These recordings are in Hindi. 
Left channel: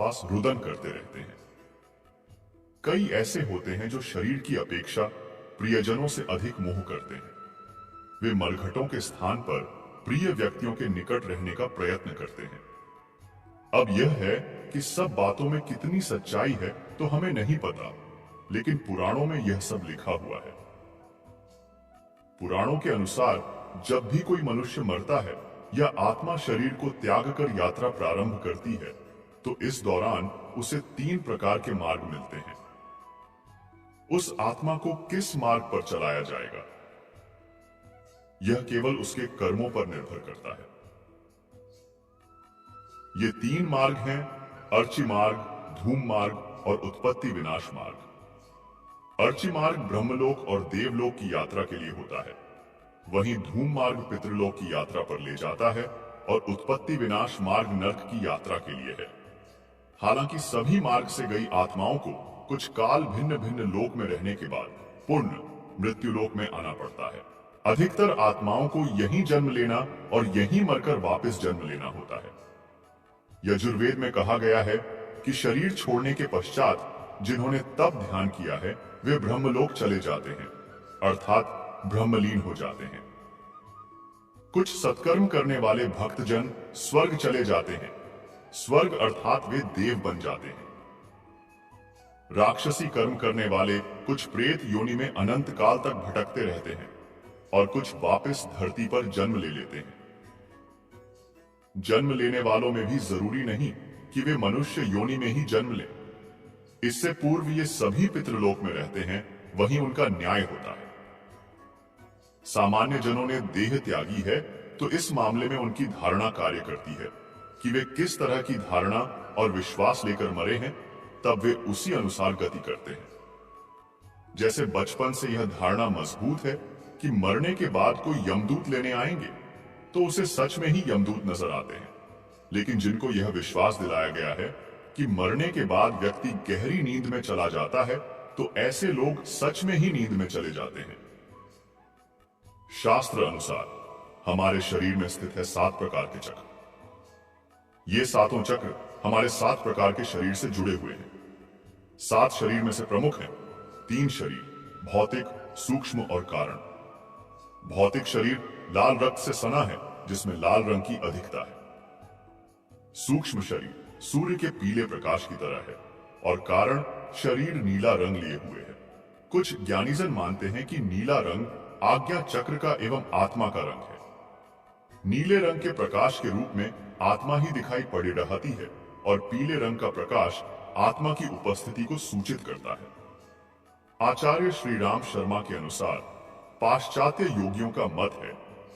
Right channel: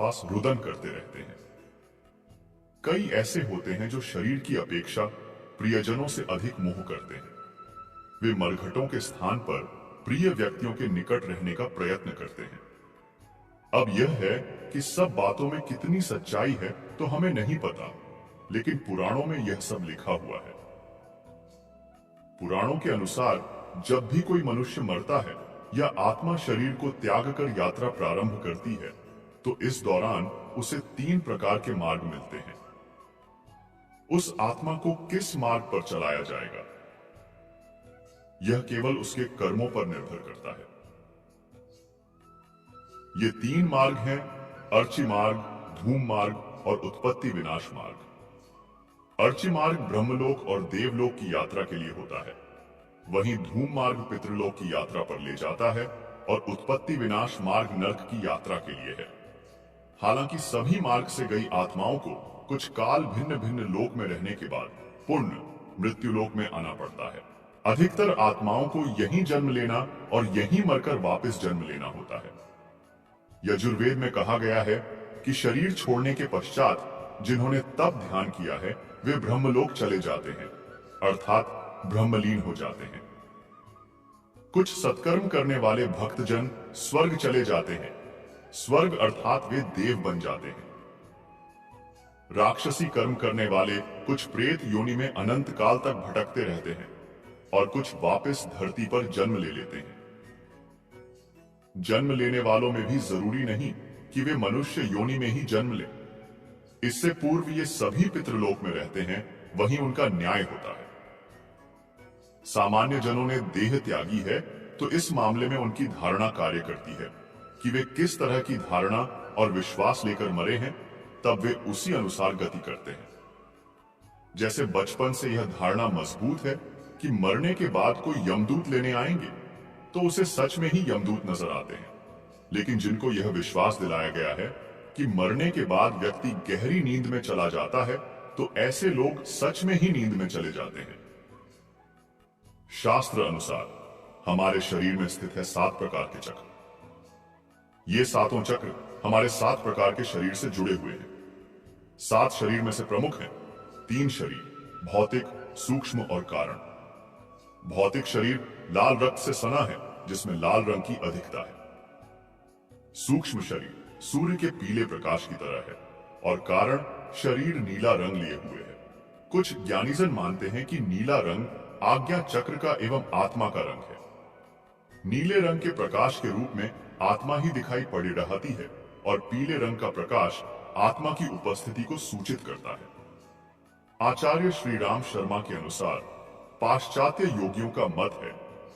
आसपास रुदन करते रहते हैं। कई ऐसे होते हैं जो शरीर की अपेक्षा प्रियजनों से अधिक मोह करते हैं। वे मरघटों के स्थान पर प्रिय व्यक्तियों के निकट रहने का प्रयत्न करते हैं। अब यह है कि सब बातों में कितनी सच्चाई है तो हमें नहीं पता, लेकिन पुराणों में यह सब लिखा हुआ है। पुराणों के अनुसार जब भी कोई मनुष्य मरता है या आत्मा शरीर को त्याग कर यात्रा प्रारंभ करती है, तो इस दौरान उसे 3 प्रकार के मार्ग मिलते हैं। उस आत्मा को किस मार्ग पर चलाया जाएगा, यह केवल उसके कर्मों पर निर्भर करता है। ये 3 मार्ग हैं: अर्ची मार्ग, धूम मार्ग और उत्पत्ति विनाश मार्ग। अर्ची मार्ग ब्रह्मलोक और देवलोक की यात्रा के लिए होता है, वहीं धूम मार्ग पितृलोक की यात्रा पर ले जाता है और उत्पत्ति विनाश मार्ग नरक की यात्रा के लिए है। हालांकि सभी मार्ग से गई आत्माओं को कुछ काल भिन्न भिन्न लोक में रहने के बाद पुण्य मृत्युलोक में आना पड़ता है। अधिकतर आत्माओं को यहीं जन्म लेना और यहीं मरकर वापस जन्म लेना होता है। यजुर्वेद में कहा गया है कि शरीर छोड़ने के पश्चात जिन्होंने तप ध्यान किया है वे ब्रह्मलोक चले जाते हैं, अर्थात ब्रह्मलीन हो जाते हैं। कुछ सत्कर्म करने वाले भक्तजन स्वर्ग चले जाते हैं, स्वर्ग अर्थात वे देव बन जाते हैं। राक्षसी कर्म करने वाले कुछ प्रेत योनि में अनंत काल तक भटकते रहते हैं और कुछ वापस धरती पर जन्म ले लेते हैं। जन्म लेने वालों में भी जरूरी नहीं कि वे मनुष्य योनि में ही जन्म लें। इससे पूर्व ये सभी पितृलोक में रहते हैं, वहीं उनका न्याय होता है। सामान्य जनों ने देह त्यागी है तो इस मामले में उनकी धारणा कार्य करती है कि वे किस तरह की धारणा और विश्वास लेकर मरे हैं, तब वे उसी अनुसार गति करते हैं। जैसे बचपन से यह धारणा मजबूत है कि मरने के बाद कोई यमदूत लेने आएंगे, तो उसे सच में ही यमदूत नजर आते हैं। लेकिन जिनको यह विश्वास दिलाया गया है कि मरने के बाद व्यक्ति गहरी नींद में चला जाता है, तो ऐसे लोग सच में ही नींद में चले जाते हैं। शास्त्र अनुसार हमारे शरीर में स्थित है 7 प्रकार के चक्र। ये 7 चक्र हमारे 7 प्रकार के शरीर से जुड़े हुए हैं। 7 शरीर में से प्रमुख हैं 3 शरीर: भौतिक, सूक्ष्म और कारण। भौतिक शरीर लाल रक्त से सना है, जिसमें लाल रंग की अधिकता है। सूक्ष्म शरीर सूर्य के पीले प्रकाश की तरह है और कारण शरीर नीला रंग लिए हुए है। कुछ ज्ञानीजन मानते हैं कि नीला रंग आज्ञा चक्र का एवं आत्मा का रंग है। नीले रंग के प्रकाश के रूप में आत्मा ही दिखाई पड़ी रहती है और पीले रंग का प्रकाश आत्मा की उपस्थिति को सूचित करता है। आचार्य श्री राम शर्मा के अनुसार पाश्चात्य योगियों का मत है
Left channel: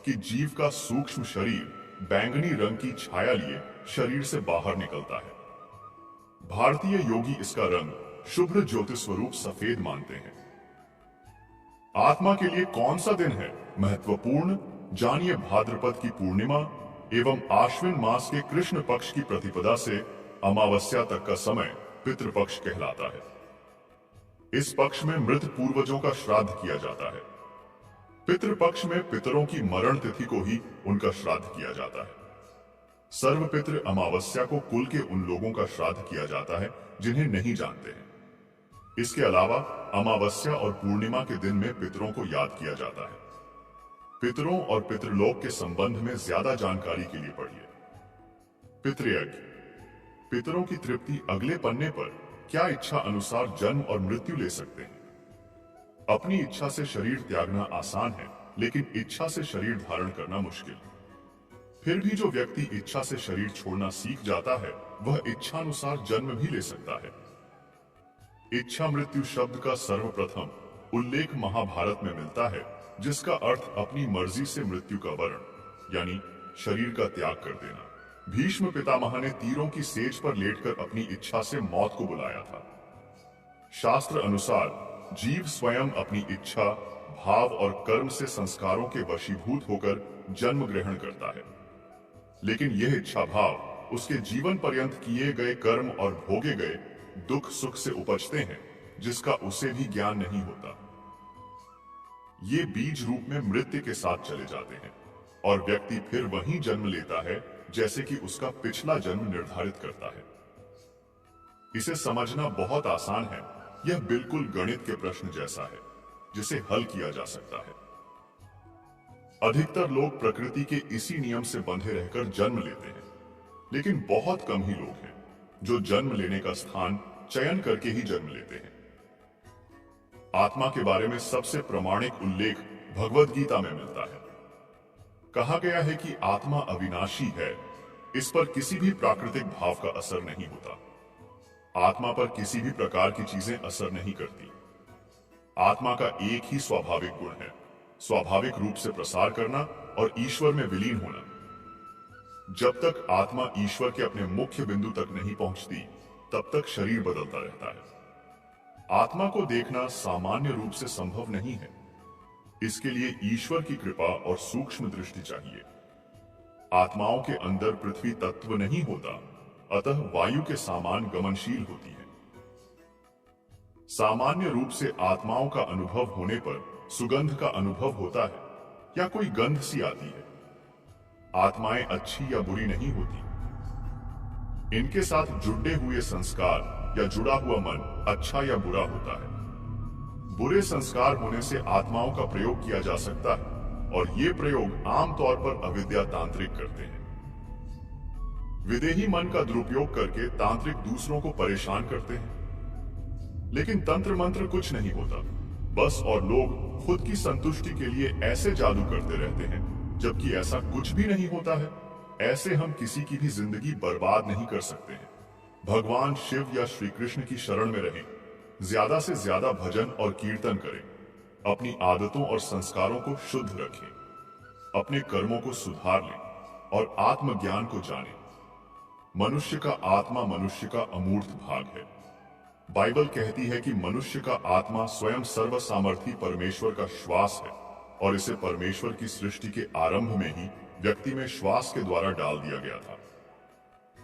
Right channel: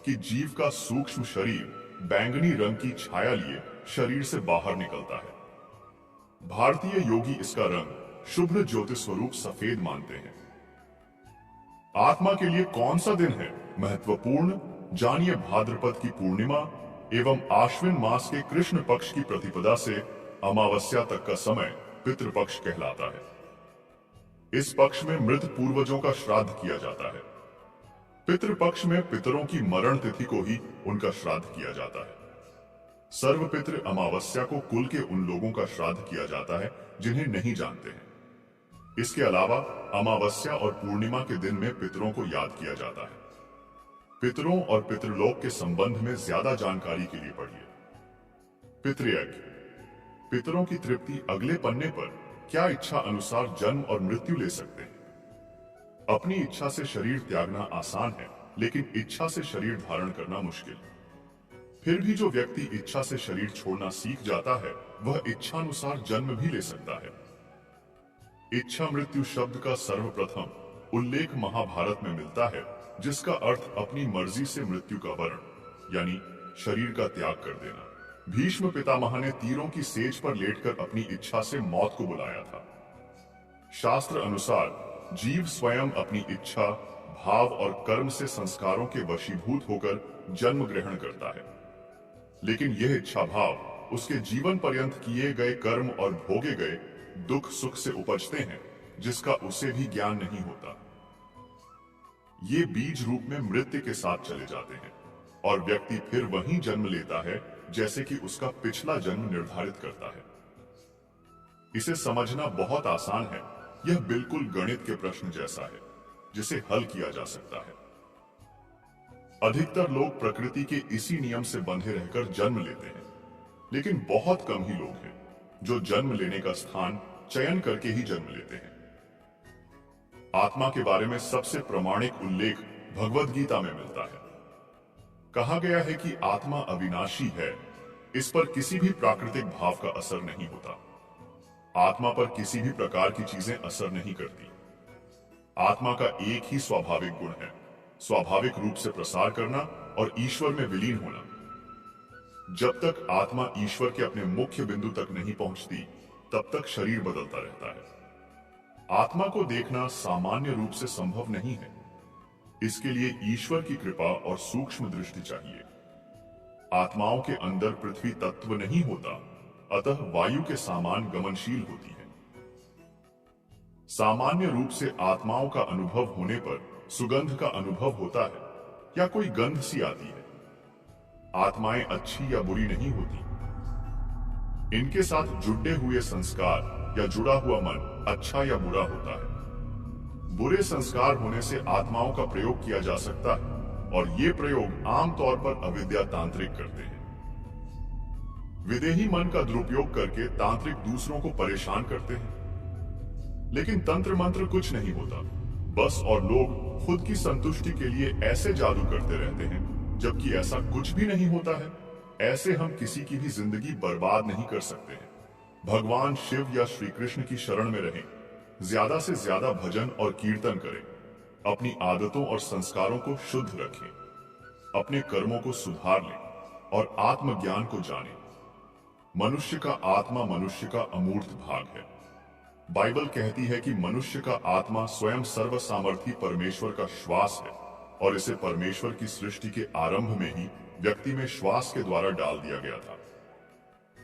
कि जीव का सूक्ष्म शरीर बैंगनी रंग की छाया लिए शरीर से बाहर निकलता है। भारतीय योगी इसका रंग शुभ्र ज्योति स्वरूप सफेद मानते हैं। आत्मा के लिए कौन सा दिन है महत्वपूर्ण, जानिए भाद्रपद की पूर्णिमा एवं आश्विन मास के कृष्ण पक्ष की प्रतिपदा से अमावस्या तक का समय पितृपक्ष कहलाता है। इस पक्ष में मृत पूर्वजों का श्राद्ध किया जाता है। पितृपक्ष में पितरों की मरण तिथि को ही उनका श्राद्ध किया जाता है। सर्वपितृ अमावस्या को कुल के उन लोगों का श्राद्ध किया जाता है जिन्हें नहीं जानते हैं। इसके अलावा अमावस्या और पूर्णिमा के दिन में पितरों को याद किया जाता है। पितरों और पितृलोक के संबंध में ज्यादा जानकारी के लिए पढ़िए पितृयज्ञ। पितरों की तृप्ति अगले पन्ने पर क्या इच्छा अनुसार जन्म और मृत्यु ले सकते हैं। अपनी इच्छा से शरीर त्यागना आसान है, लेकिन इच्छा से शरीर धारण करना मुश्किल। फिर भी जो व्यक्ति इच्छा से शरीर छोड़ना सीख जाता है, वह इच्छानुसार जन्म भी ले सकता है। इच्छा मृत्यु शब्द का सर्वप्रथम उल्लेख महाभारत में मिलता है, जिसका अर्थ अपनी मर्जी से मृत्यु का वर्ण यानी शरीर का त्याग कर देना। भीष्म पितामह ने तीरों की सेज पर लेटकर अपनी इच्छा से मौत को बुलाया था। शास्त्र अनुसार जीव स्वयं अपनी इच्छा, भाव और कर्म से संस्कारों के वशीभूत होकर जन्म ग्रहण करता है, लेकिन यह इच्छा भाव उसके जीवन पर्यंत किए गए कर्म और भोगे गए दुख सुख से उपजते हैं, जिसका उसे भी ज्ञान नहीं होता। ये बीज रूप में मृत्यु के साथ चले जाते हैं और व्यक्ति फिर वहीं जन्म लेता है जैसे कि उसका पिछला जन्म निर्धारित करता है। इसे समझना बहुत आसान है। यह बिल्कुल गणित के प्रश्न जैसा है जिसे हल किया जा सकता है। अधिकतर लोग प्रकृति के इसी नियम से बंधे रहकर जन्म लेते हैं, लेकिन बहुत कम ही लोग हैं जो जन्म लेने का स्थान चयन करके ही जन्म लेते हैं। आत्मा के बारे में सबसे प्रामाणिक उल्लेख भगवद गीता में मिलता है। कहा गया है कि आत्मा अविनाशी है, इस पर किसी भी प्राकृतिक भाव का असर नहीं होता। आत्मा पर किसी भी प्रकार की चीजें असर नहीं करती। आत्मा का एक ही स्वाभाविक गुण है, स्वाभाविक रूप से प्रसार करना और ईश्वर में विलीन होना। जब तक आत्मा ईश्वर के अपने मुख्य बिंदु तक नहीं पहुंचती, तब तक शरीर बदलता रहता है। आत्मा को देखना सामान्य रूप से संभव नहीं है। इसके लिए ईश्वर की कृपा और सूक्ष्म दृष्टि चाहिए। आत्माओं के अंदर पृथ्वी तत्व नहीं होता, अतः वायु के समान गमनशील होती है। सामान्य रूप से आत्माओं का अनुभव होने पर सुगंध का अनुभव होता है या कोई गंध सी आती है। आत्माएं अच्छी या बुरी नहीं होती। इनके साथ जुड़े हुए संस्कार या जुड़ा हुआ मन अच्छा या बुरा होता है। बुरे संस्कार होने से आत्माओं का प्रयोग किया जा सकता है और ये प्रयोग आमतौर पर अविद्या तांत्रिक करते हैं। विदेही मन का दुरुपयोग करके तांत्रिक दूसरों को परेशान करते हैं, लेकिन तंत्र मंत्र कुछ नहीं होता बस, और लोग खुद की संतुष्टि के लिए ऐसे जादू करते रहते हैं जबकि ऐसा कुछ भी नहीं होता है। ऐसे हम किसी की भी जिंदगी बर्बाद नहीं कर सकते हैं। भगवान शिव या श्री कृष्ण की शरण में रहें, ज्यादा से ज्यादा भजन और कीर्तन करें, अपनी आदतों और संस्कारों को शुद्ध रखें, अपने कर्मों को सुधार लें और आत्मज्ञान को जानें। मनुष्य का आत्मा मनुष्य का अमूर्त भाग है। बाइबल कहती है कि मनुष्य का आत्मा स्वयं सर्व सामर्थी परमेश्वर का श्वास है और इसे परमेश्वर की सृष्टि के आरंभ में ही व्यक्ति में श्वास के द्वारा डाल दिया गया था।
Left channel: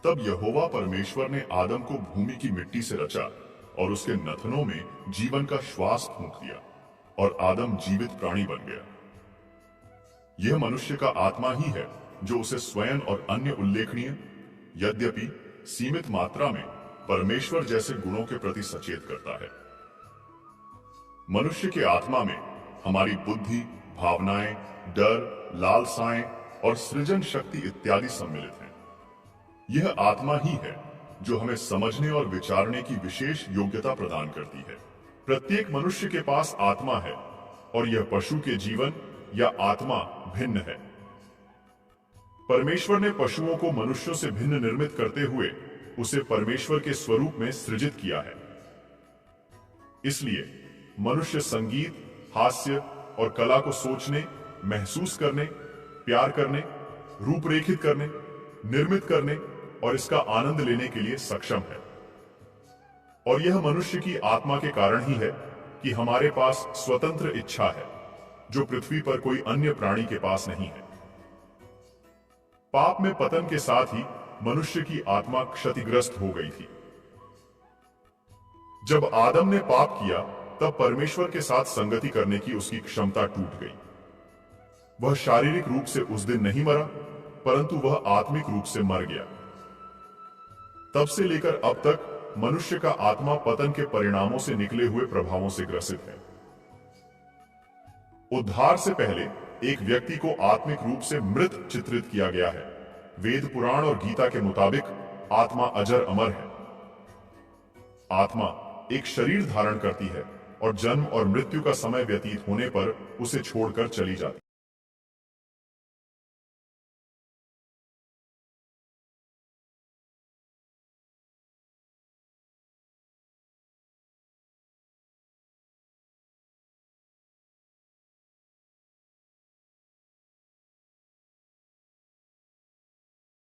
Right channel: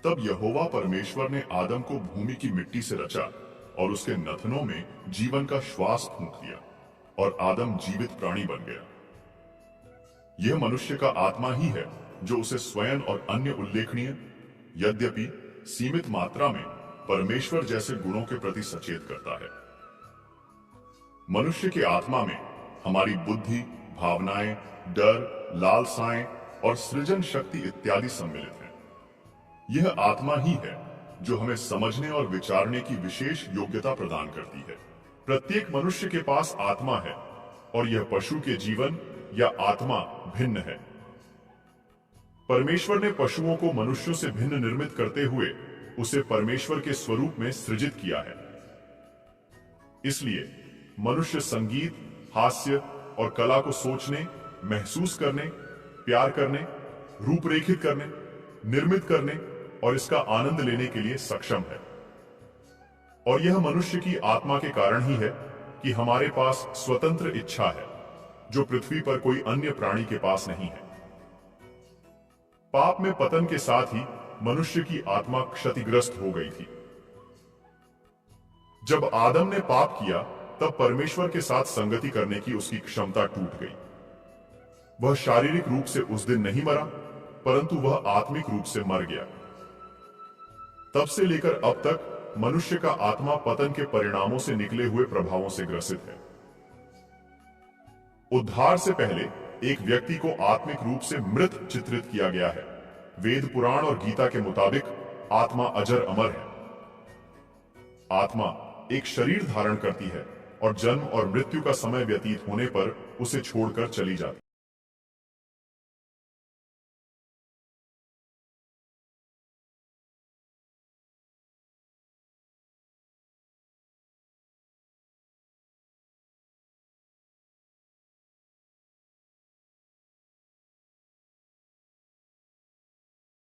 तब यहोवा परमेश्वर ने आदम को भूमि की मिट्टी से रचा और उसके नथनों में जीवन का श्वास फूंक दिया और आदम जीवित प्राणी बन गया। यह मनुष्य का आत्मा ही है जो उसे स्वयं और अन्य उल्लेखनीय, यद्यपि सीमित मात्रा में, परमेश्वर जैसे गुणों के प्रति सचेत करता है। मनुष्य के आत्मा में हमारी बुद्धि, भावनाएं, डर, लालसाएं और सृजन शक्ति इत्यादि सम्मिलित हैं। यह आत्मा ही है जो हमें समझने और विचारने की विशेष योग्यता प्रदान करती है। प्रत्येक मनुष्य के पास आत्मा है और यह पशु के जीवन या आत्मा भिन्न है। परमेश्वर ने पशुओं को मनुष्यों से भिन्न निर्मित करते हुए उसे परमेश्वर के स्वरूप में सृजित किया है। इसलिए मनुष्य संगीत, हास्य और कला को सोचने, महसूस करने, प्यार करने, रूपरेखित करने, निर्मित करने और इसका आनंद लेने के लिए सक्षम है। और यह मनुष्य की आत्मा के कारण ही है कि हमारे पास स्वतंत्र इच्छा है, जो पृथ्वी पर कोई अन्य प्राणी के पास नहीं है। पाप में पतन के साथ ही मनुष्य की आत्मा क्षतिग्रस्त हो गई थी। जब आदम ने पाप किया, तब परमेश्वर के साथ संगति करने की उसकी क्षमता टूट गई। वह शारीरिक रूप से उस दिन नहीं मरा, परंतु वह आत्मिक रूप से मर गया। तब से लेकर अब तक मनुष्य का आत्मा पतन के परिणामों से निकले हुए प्रभावों से ग्रसित है। उद्धार से पहले एक व्यक्ति को आत्मिक रूप से मृत चित्रित किया गया है। वेद, पुराण और गीता के मुताबिक आत्मा अजर अमर है। आत्मा एक शरीर धारण करती है और जन्म और मृत्यु का समय व्यतीत होने पर उसे छोड़कर चली जाती है।